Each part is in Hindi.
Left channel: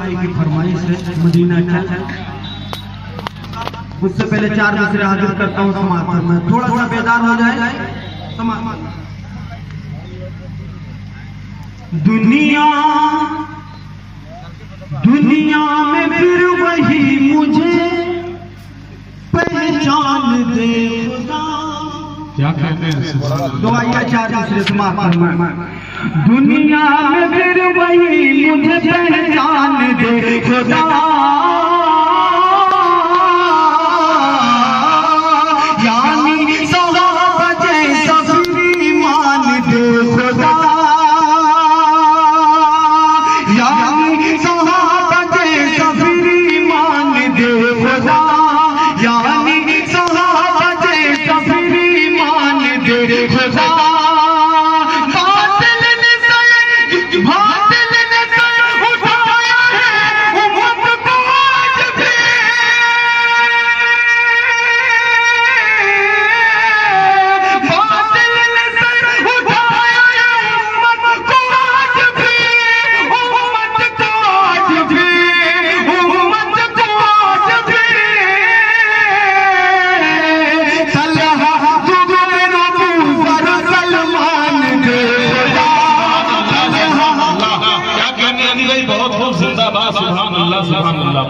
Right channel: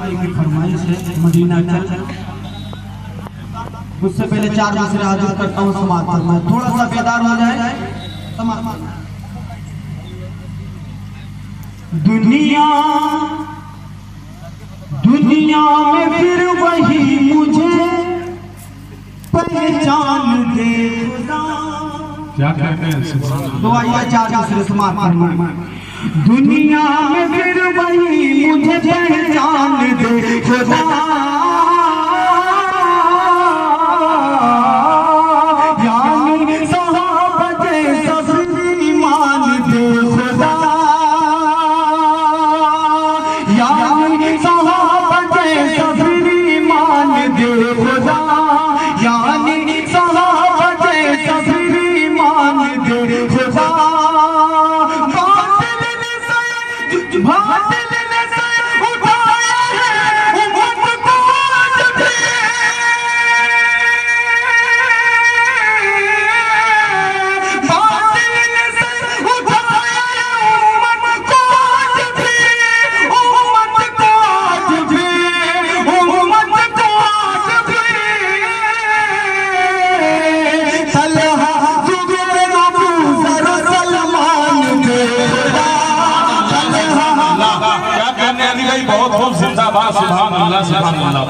भाई की फरमाइश है मदीना चल। उससे पहले 4 दूसरे हाजिर करता हूँ समाज फरमाए, थोड़ा सा बेदार हो जाए समाज। दुनिया दुनिया में फिर वही मुझे पहचान दे खुदा। क्या कहते हैं? दो आइए 4 दूसरे समाज फरमाए। दुनिया में फिर वही मुझे पहचान दे खुदा, यानी सहाबा जैसा फिर ईमान दे खुदा, यानी सहाबा जैसा फिर ईमान दे खुदा, यानी सहाबा जैसा फिर ईमान दे खुदा।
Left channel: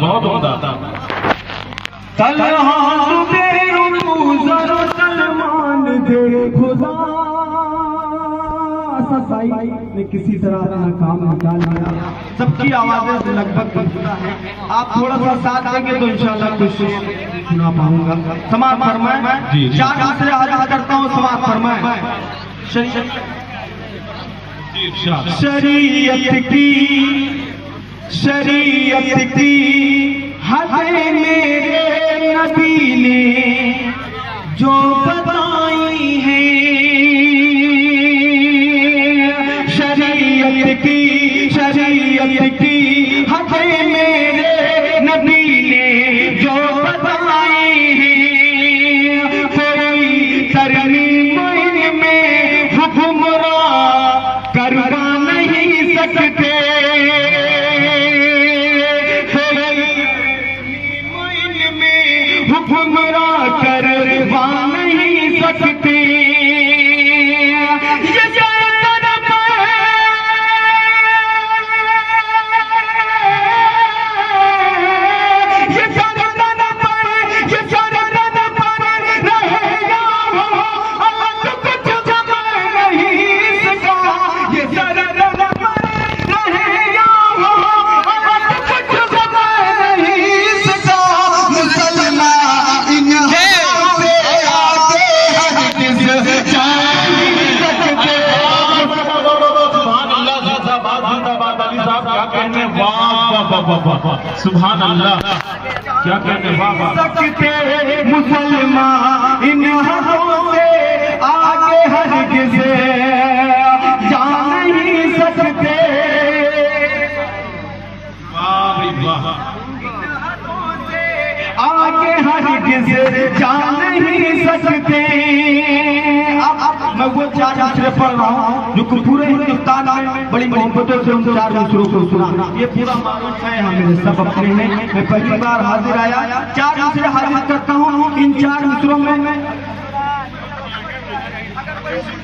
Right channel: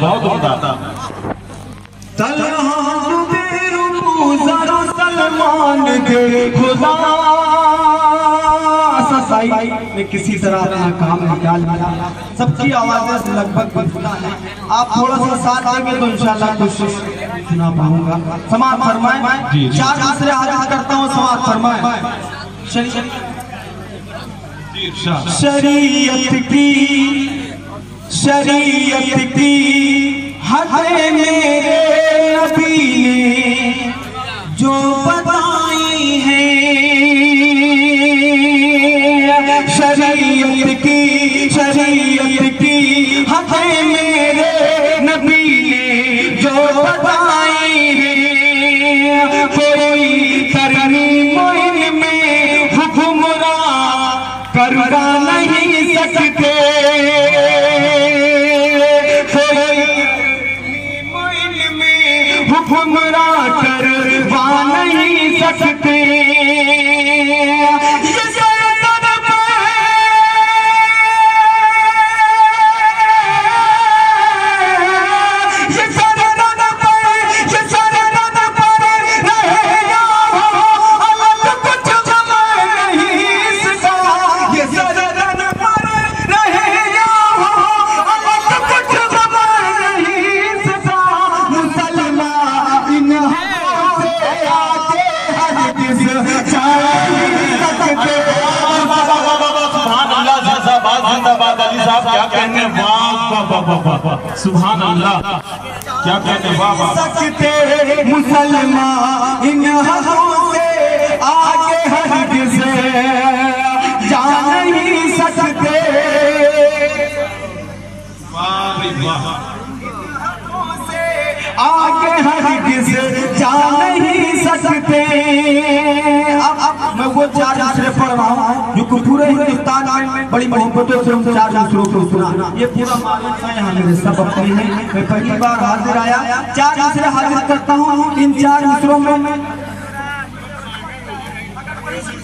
बहुत होता किसी तरह अपना काम निकाल लिया। सबकी आवाजें से लगभग सुना है, आप थोड़ा सा साथ देंगे तो इंशाल्लाह कोशिश सुना पाऊंगा। समाज फरमाए। 4 दूसरे हाजिर करता हूँ, समाज फरमाए। शरीयत की हदें मेरे नबी ने जो बताई हैं, शरीयत की हदें मेरे नबी ने जो बताई हैं, कोई करनी मोइन में हुक्मरान करवा नहीं सकते, हुक्मरान करवा नहीं सकते। सुभान अल्लाह, क्या कहते? सकते मुसलमान इन हकों से आगे हरगिज़ जा नहीं सकते, आगे हरगिज़ जा नहीं सकते। अब मैं वो 4 दूसरे पढ़ रहा हूँ जो पूरे हिंदुस्तान में बड़ी मोहब्बतों से हम 4 दूसरों को सुना। ये पूरा मारूफ है, हमें सब अपने हैं। मैं पहली बार हाजिर आया, 4 दूसरे हाजिर करता हूँ। इन 4 दूसरों में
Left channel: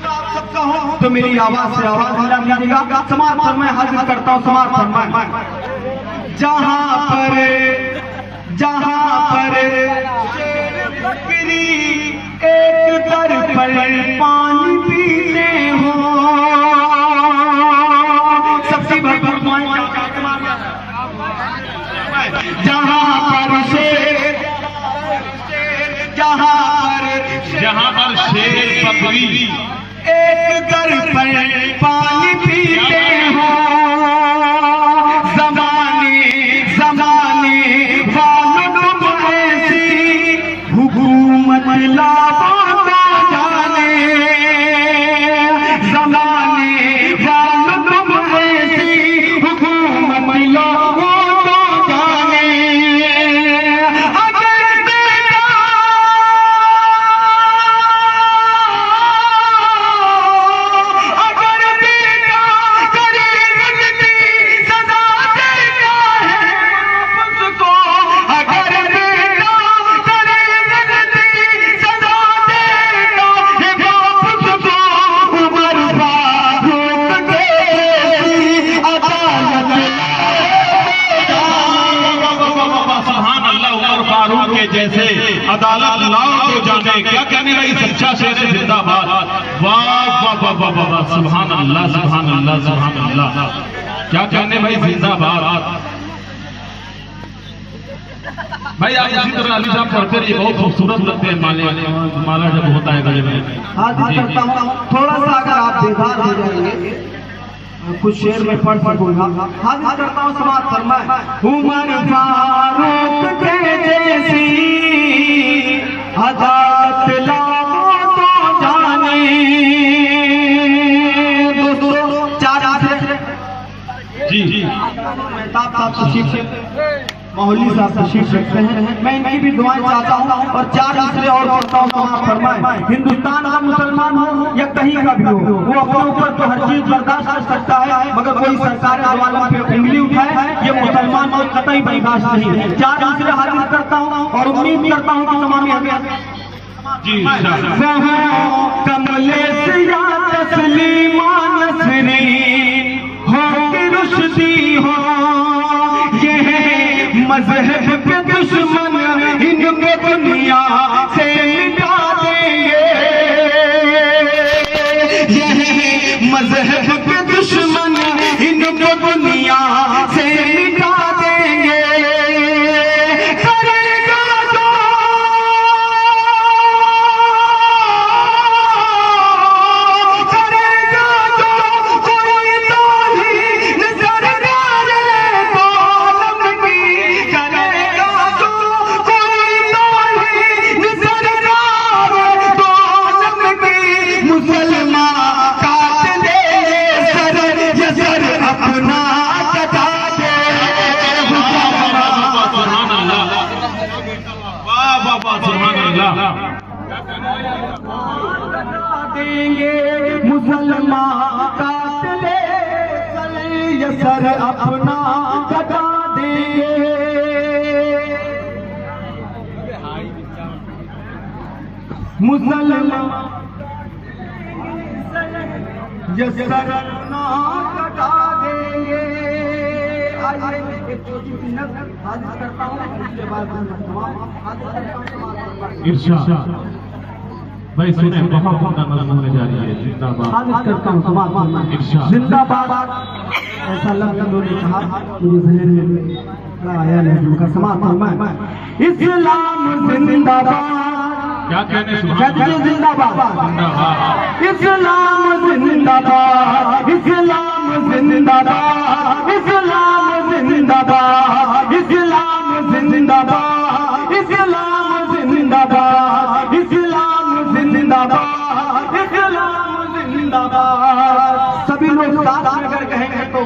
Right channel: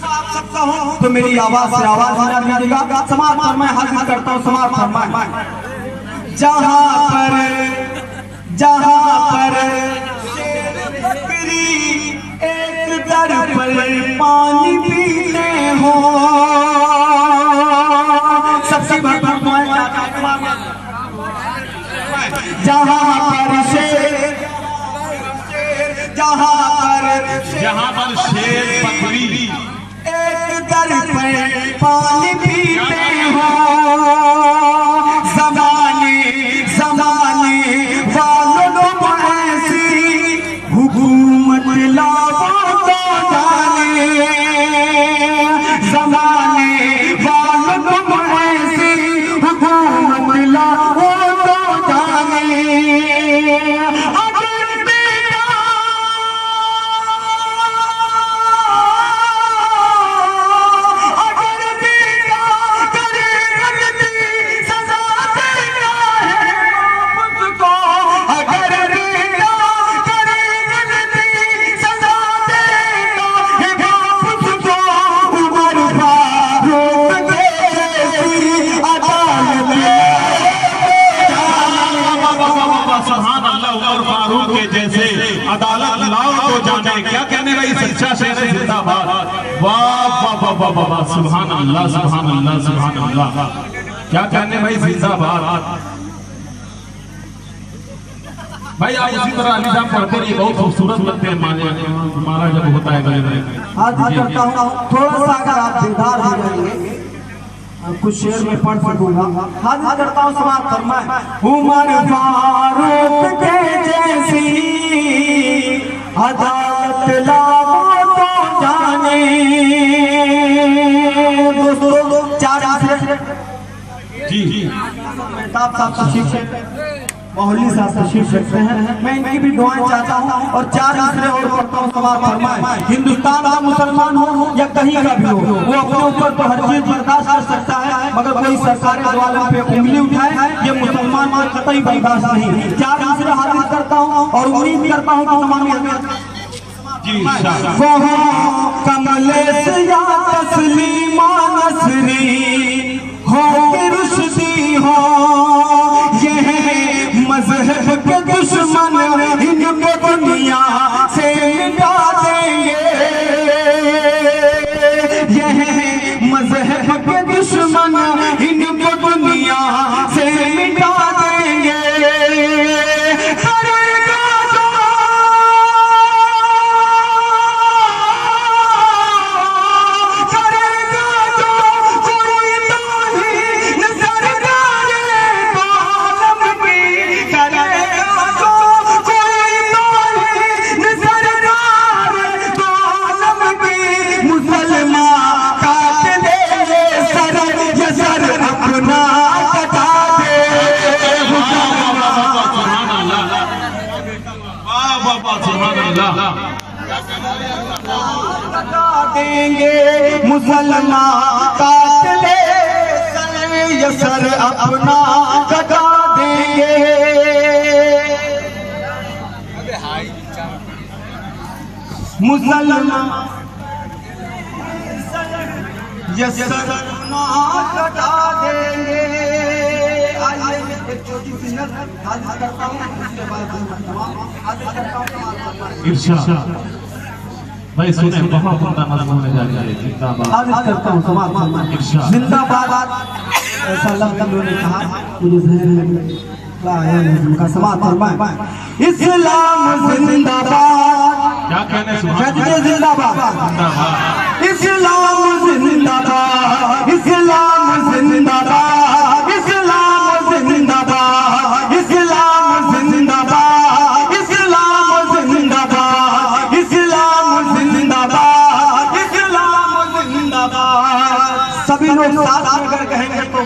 आप सबका हो तो मेरी आवाज से आवाज मिला दीजिएगा। समाज पर मैं हाजिर करता हूँ, समाज फरमाए। जहाँ पर बकरी एक दर पर पानी पीते हो, सबसे भरपूर जहाँ पर शेर बकरी एक दर पर पानी पीते हो, ज़माने वालों ऐसी हुकूमत लाओ तो जाने, ज़माने वालों ऐसी हुकूमत लाओ तो जाने। अगर बेटा जैसे अदालत नाम को जाने। क्या कहने भाई, सच्चा शेर जिंदाबाद। वाह वाह वाह वाह वाह, सुभान अल्लाह सुभान अल्लाह सुभान अल्लाह। क्या कहने भाई, जिंदाबाद भाई। आप इसी तरह अली साहब पढ़ते रहिए, बहुत खूबसूरत लगते हैं माला जब होता है गले में। थोड़ा सा अगर आप बेदार हो जाइए, कुछ शेर में पढ़ सकूंगा। हाजिर करता हूँ समाप्त फरमाए। उमर फारूक के जैसी अदालत लाओ तो जाने। दोस्तों चार जी मेहताब साहब तशरीफ, मौलवी साहब तशरीफ रखते हैं। मैं इनकी भी दुआएं चाहता हूँ और चार दूसरे और करता हूँ समाप्त फरमाए। हिंदुस्तान का मुसलमान हो या कहीं का भी हो, वो अपने ऊपर तो हर चीज बर्दाश्त कर सकता है, मगर कोई सरकारी दरवाजे पे उंगली उठाए ये मुसलमान को कतई बर्दाश्त नहीं। चार दूसरे हाजिर करता हूँ और उम्मीद करता हूँ कि तमाम कमले से या तस्लीमा नसरी हो कि रुश्दी हो, ये है मजहब के दुश्मन, इनको दुनिया से मिटा देंगे। ये है मजहब के दुश्मन, इनको दुनिया से मिटा देंगे। करेगा जो कोई ताहीन सरकार को आलम की, करेगा जो कोई ताहीन सरकार को आलम की। मुसलमान काट दे सर, ये सर अपना कटा दे। सुभान अल्लाह, वाह वाह वाह, सुभान अल्लाह। देंगे मुसलमान काट दे सर, ये सर अपना कटा देंगे। मुसलमान ये सर अपना कटा देंगे। आइए एक छोटी सी नज़र हाजिर करता हूँ, उसके बाद हाजिर करता हूँ। इरशाद भाई सुने, बहुत बड़ा मजमून है जारी है। जिंदाबाद हाजिर करता हूँ समाज इरशाद। जिंदाबाद। ऐसा लोगों ने कहा मुझे जहन में का समाज फरमाए। इस्लाम जिंदाबाद। क्या कहने, सुभान कहते जिंदाबाद जिंदाबाद। इस्लाम जिंदाबाद, इस्लाम जिंदाबाद, इस्लाम जिंदाबाद, इस्लाम जिंदाबाद, इस्लाम जिंदाबाद, इस्लाम जिंदाबाद, इस्लाम जिंदाबाद। सभी लोग साथ मिलकर कहेंगे तो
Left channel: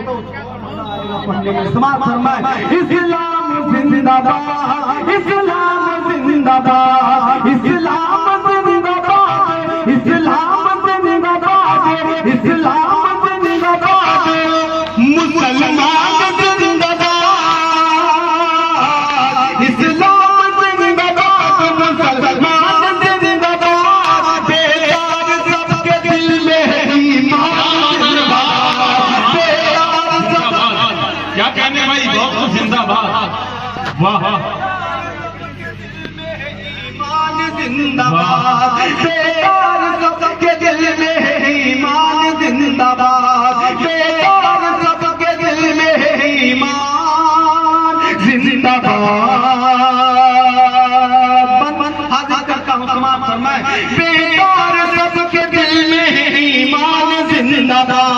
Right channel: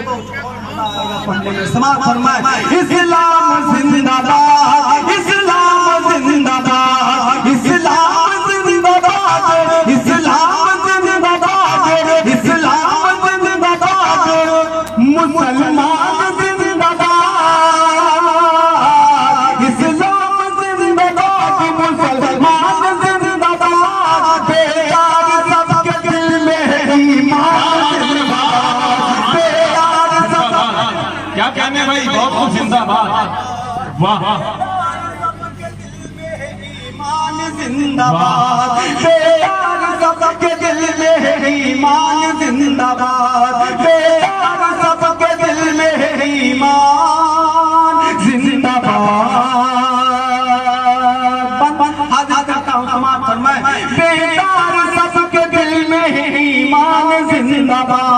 पढ़ने में समाप्त फरमाए। इस्लाम जिंदाबाद, इस्लाम जिंदाबाद, इस्लाम जिंदाबाद, इस्लाम जिंदाबाद, इस्लाम जिंदाबाद, मुसलमान जिंदाबाद, इस्लाम जिंदाबाद, मुसलमान जिंदाबाद। बेदार सबके दिल में है ईमान जिंदाबाद, बेदार सबके। क्या कहने भाई, बहुत जिंदाबाद। वाह जिंदाबाद, बेदार सबके दिल में है ईमान जिंदाबाद, बेदार सबके दिल में है ईमान जिंदाबाद। हाजिर करता हूँ समाप्त फरमाए। बेदार सबके दिल में है ईमान जिंदाबाद।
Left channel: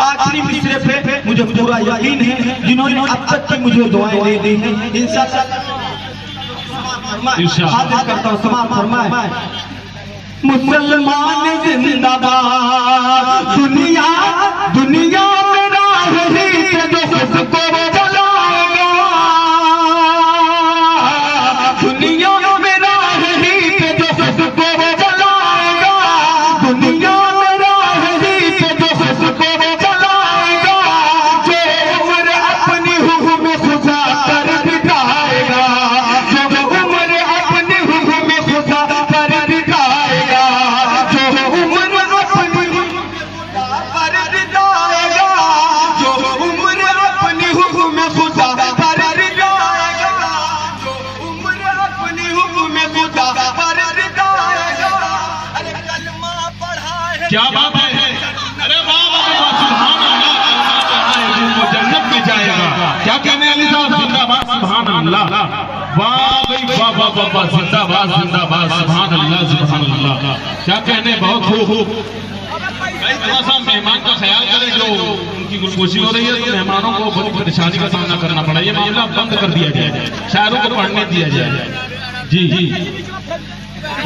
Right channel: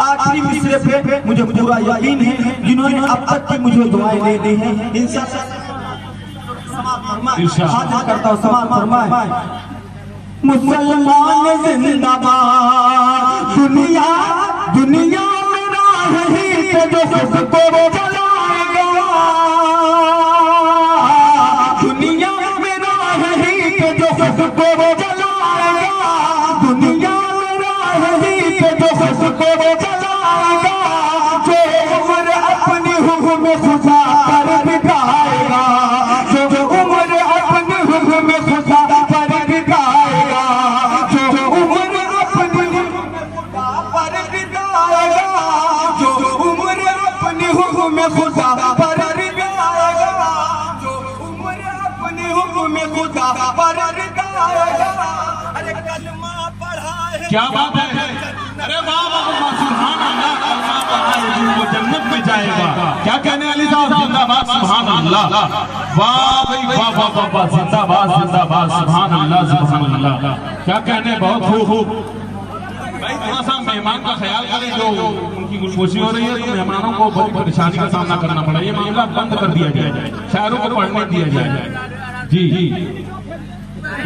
आखिरी मिसरे पे मुझे पूरा यकीन है जिन्होंने अब तक की मुझे दुआएं दे दी हैं, इंशाअल्लाह हाजिर करता हूँ समाप्त फरमाए। मुसलमान जिंदाबाद, दुनिया दुनिया में राह ही जो सबको जलाएगा। दुनिया में राह ही जो सबको जलाएगा। दुनिया में राह ही जो सबको जलाएगा। जो उम्र अपनी हुक्म खुदा पर बिताएगा, जो उम्र अपनी हुक्म खुदा पर बिताएगा, जो उम्र अपनी पर बिताएगा, जो उम्र अपनी हुक्म क्या बात है, अरे वाह वाह वाह, सुभान अल्लाह, वो जन्नत में जाएगा। क्या कहने अली साहब, जिंदाबाद, सुभान अल्लाह, वाह भाई वाह वाह वाह वाह, जिंदाबाद जिंदाबाद, सुभान अल्लाह सुभान अल्लाह। क्या कहने, बहुत खूब। थोड़ा सा मेहमान का ख्याल करें, जो उनकी गुलगोशी हो रही है तो मेहमानों को बड़ी परेशानी का सामना करना पड़ा। ये मामला बंद कर दिया जाए, शायरों को पढ़ने दिया जाए। जी जी,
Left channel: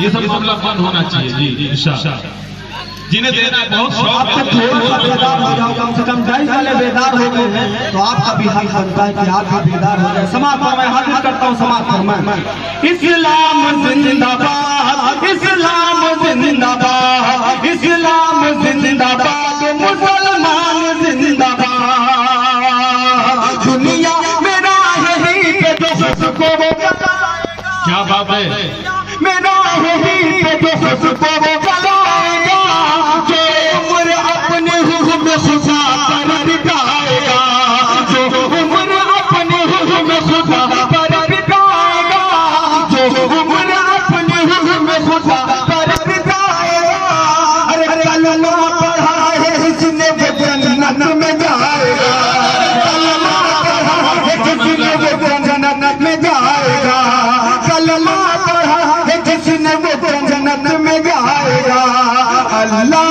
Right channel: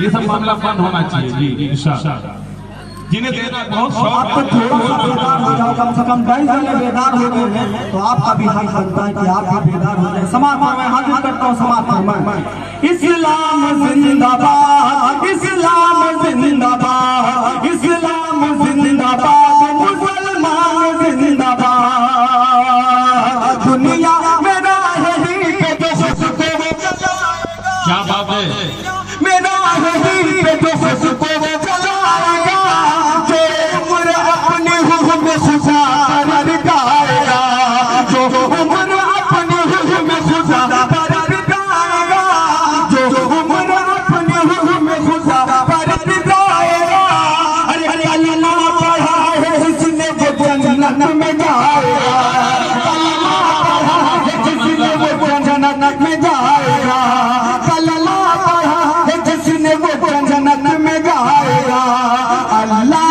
ये सब मामला बंद होना चाहिए। जी इंशाअल्लाह, जिन्हें देना बहुत शौक, आप तो थोड़ा सा बेदार हो जाओ, कम से कम 2 साल बेदार हो गए हैं तो आपका भी हक बनता है कि आप भी बेदार हो जाए। समाज फरमाए, हाजिर करता हूँ समाज फरमाए। इस्लाम जिंदाबाद, इस्लाम जिंदाबाद, इस्लाम जिंदाबाद, मुसलमान जिंदाबाद। दुनिया में राही पे जो उसको वो चलाएगा, क्या बात है, मेरा राही पे जो उसको वो चलाएगा, जो उम्र अपने हुक्म में खुदा पर बिताएगा, जो उम्र अपने हुक्म में खुदा पर बिताएगा, जो उम्र अपने हुक्म में खुदा पर बिताएगा। अरे कलमा पढ़ा है जिसने वो जन्नत में जाएगा, कलमा पढ़ा है जिसने वो जन्नत में जाएगा, कलमा पढ़ा है जिसने वो जन्नत में जाएगा। अल्लाह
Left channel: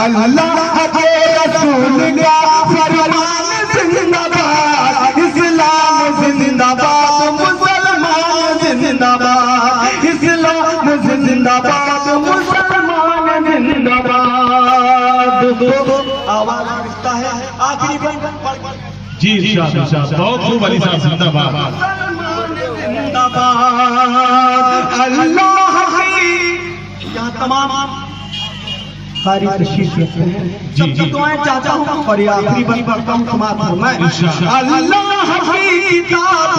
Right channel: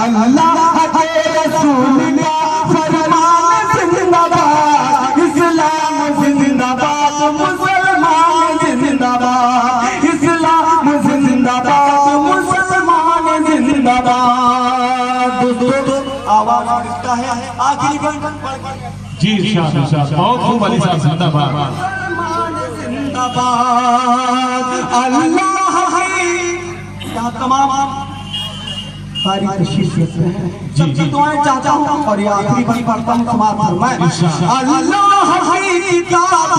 अल्लाह के रसूल का फरमान जिंदाबाद, इस्लाम जिंदाबाद, मुसलमान जिंदाबाद, इस्लाम जिंदाबाद, मुसलमान जिंदाबाद। दोस्तों आवाज रिश्ता है, आखिरी जी इंशाअल्लाह, बहुत खूब अली साहब, जिंदाबाद जिंदाबाद। अल्लाह यहाँ तमाम सारी तशरीफ लेते हैं, सबकी दुआएं चाहता हूँ और ये आखिरी बंद पढ़ता हूँ, समाज फरमाए। अल्लाह की किताब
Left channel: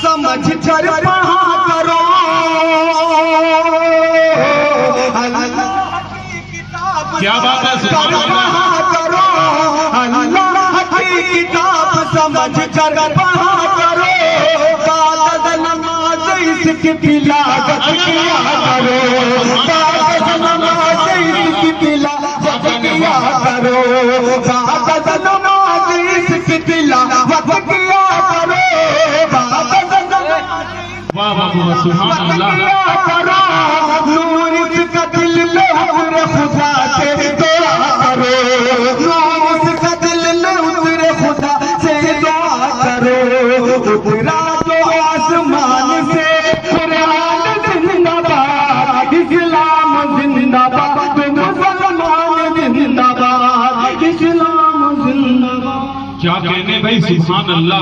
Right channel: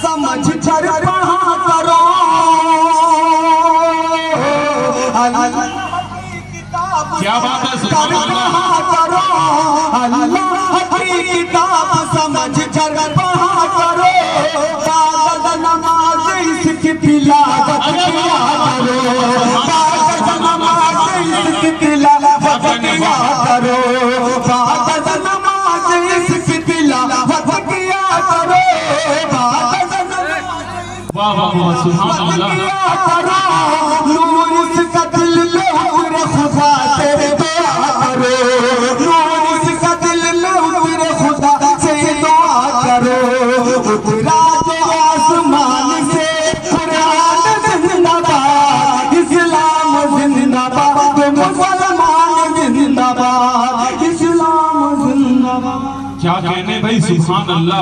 समझ कर पढ़ा करो, अल्लाह की किताब क्या बात है, कर पढ़ा करो, अल्लाह की किताब समझ कर पढ़ा करो, बाद नमाज इसकी तिलावत किया करो, बाद नमाज इसकी तिलावत किया करो, बाद नमाज इसकी तिलावत किया करो, बाद नमाज वाह वाह वाह, सुभान अल्लाह, किया करो, नूर इसका दिल में उतरे खुदा तेरे दुआ करो, नूर इसका दिल में उतरे खुदा से दुआ करो, उतरा तो आसमान से कुरान जिंदाबाद, इस्लाम जिंदाबाद, मुसलमान जिंदाबाद, इस्लाम जिंदाबाद। क्या कहने भाई, सुभान अल्लाह।